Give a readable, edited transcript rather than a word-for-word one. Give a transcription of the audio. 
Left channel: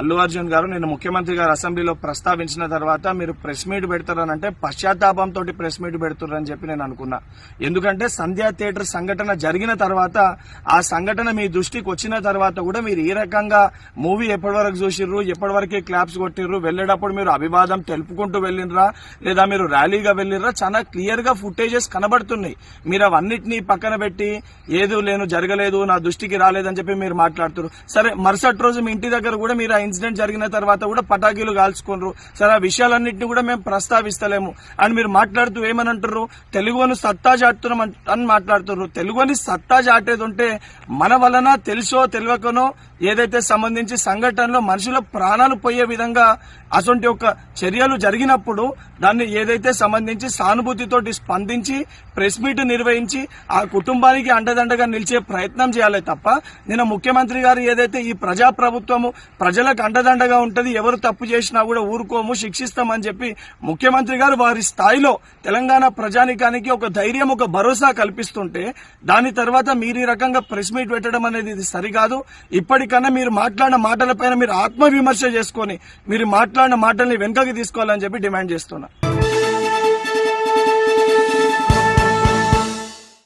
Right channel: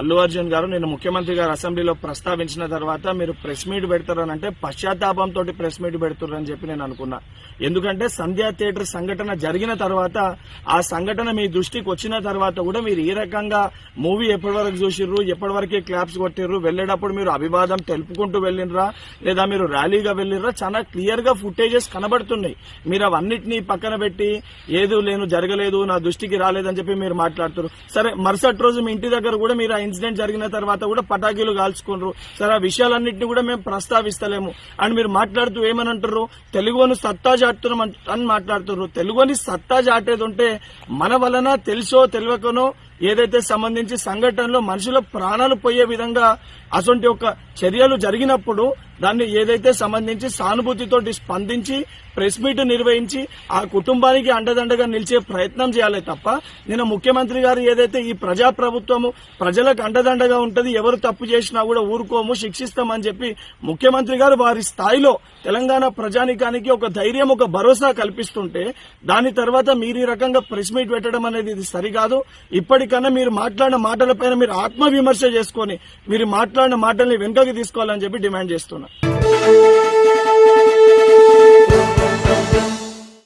అల్లు అర్జున్ గారు నిన్న ముఖ్యమంత్రి గారు అసెంబ్లీలో ప్రస్తావించిన తర్వాత మీరు ప్రెస్ మీట్ పెడతారనంటే పశ్చాత్తాపంతో ప్రెస్ మీట్ పెడుతున్నారని చెప్పి నేను అనుకున్నా. ఎందుకంటే సంధ్యా థియేటర్ సంఘటన జరిగిన తర్వాత ఆ సంఘటన మీ దృష్టికి వచ్చిన తర్వాత కూడా మీరు ఈ రకంగా మూవీ ఎప్పటి వరకు చూసిర్రు, ఎప్పటి వరకే క్లాప్స్ కొట్టిర్రు, వెళ్లేటప్పుడు మీరు అభివాదం తెలుపుకుంటూ వెళ్ళినరా లేదా మీరు ర్యాలీగా వెళ్ళినరా, చాలా క్లియర్ గా ఫుటేజెస్ కనబడుతున్నాయి. మీరు అవన్నిటినీ పక్కన పెట్టి ఏదో లేను జరగలేదు నా దృష్టికి రాలేదని చెప్పి మీరు మాట్లాడుతున్నారు. సరే మరుసటి రోజు మీ ఇంటి దగ్గర కూడా మీరు ఇన్సిడెంట్ జరిగిన తర్వాత కూడా పటాకీలు కాల్చుకున్నారు. సరే ఆ విషయాలన్నింటినీ కూడా మేము ప్రస్తావిస్తలేము అని మీరు మాట్లాడుతూ ఏమని అంటారు, తెలుగుని సత్తా చాటుతున్నాం అని మాట్లాడుతున్నారు. తెలుగుని సత్తా చాటేది ఉంటే మన వలన తెలుసో తెలియకనో ఏదైతే సంబంధించి సంఘటనలో మనుషుల ప్రాణాలు పోయే విధంగా అటువంటి ఒక చర్యలు జరిగినప్పుడు దాన్ని ఏదైతే సంబంధించి సానుభూతితో స్పందించి ప్రెస్ మీట్ నిర్వహించి ఆ కుటుంబానికి అండదండగా నిలిచే ప్రయత్నం చేయాలి తప్ప నిన్న ముఖ్యమంత్రి గారు ఏదైతే ఈ ప్రజాప్రభుత్వము ప్రజలకు అండదండగా ఉంటది, ఎవరు తప్పు చేసినా కూడా ఊరుకోము శిక్షిస్తామని చెప్పి ముఖ్యమంత్రి గారు వారి స్థాయిలో తెలంగాణ ప్రజానికానికి ఒక ధైర్యం ఒక భరోసా కల్పిస్తుంటే దాని తర్వాత మీరు ఈ రకంగా ప్రెస్ మీట్ పెట్టడం అనేది ఇది సరికాదు. ఇప్పటికన్నా మీరు మాట్లాడిన మాటలపైన మీరు ఆత్మవిమర్శ చేసుకుని మీరు మాట్లాడిన మాటల్ని వెనుకకి తీసుకోవాలని చెప్పి డిమాండ్ చేస్తున్నా.